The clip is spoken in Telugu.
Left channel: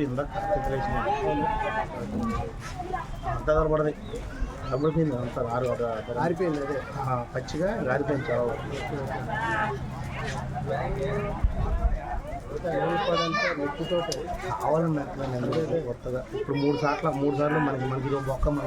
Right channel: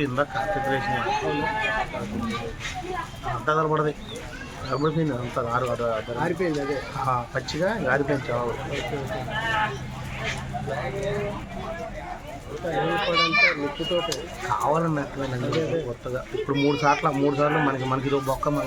ఇందాక కాన్సన్ట్రేషన్ అంతా కనపడది కమిపోయింది అంతా ఆరు ఆరు ఆరు- ఆరిపోయింది అదే. పచ్చిగా ఆరిపోయింది చావు కావాలని కొత్తగా? ఇప్పుడు మూడు సార్లు మూడు సార్లు మనకి మనకి బొక్క మన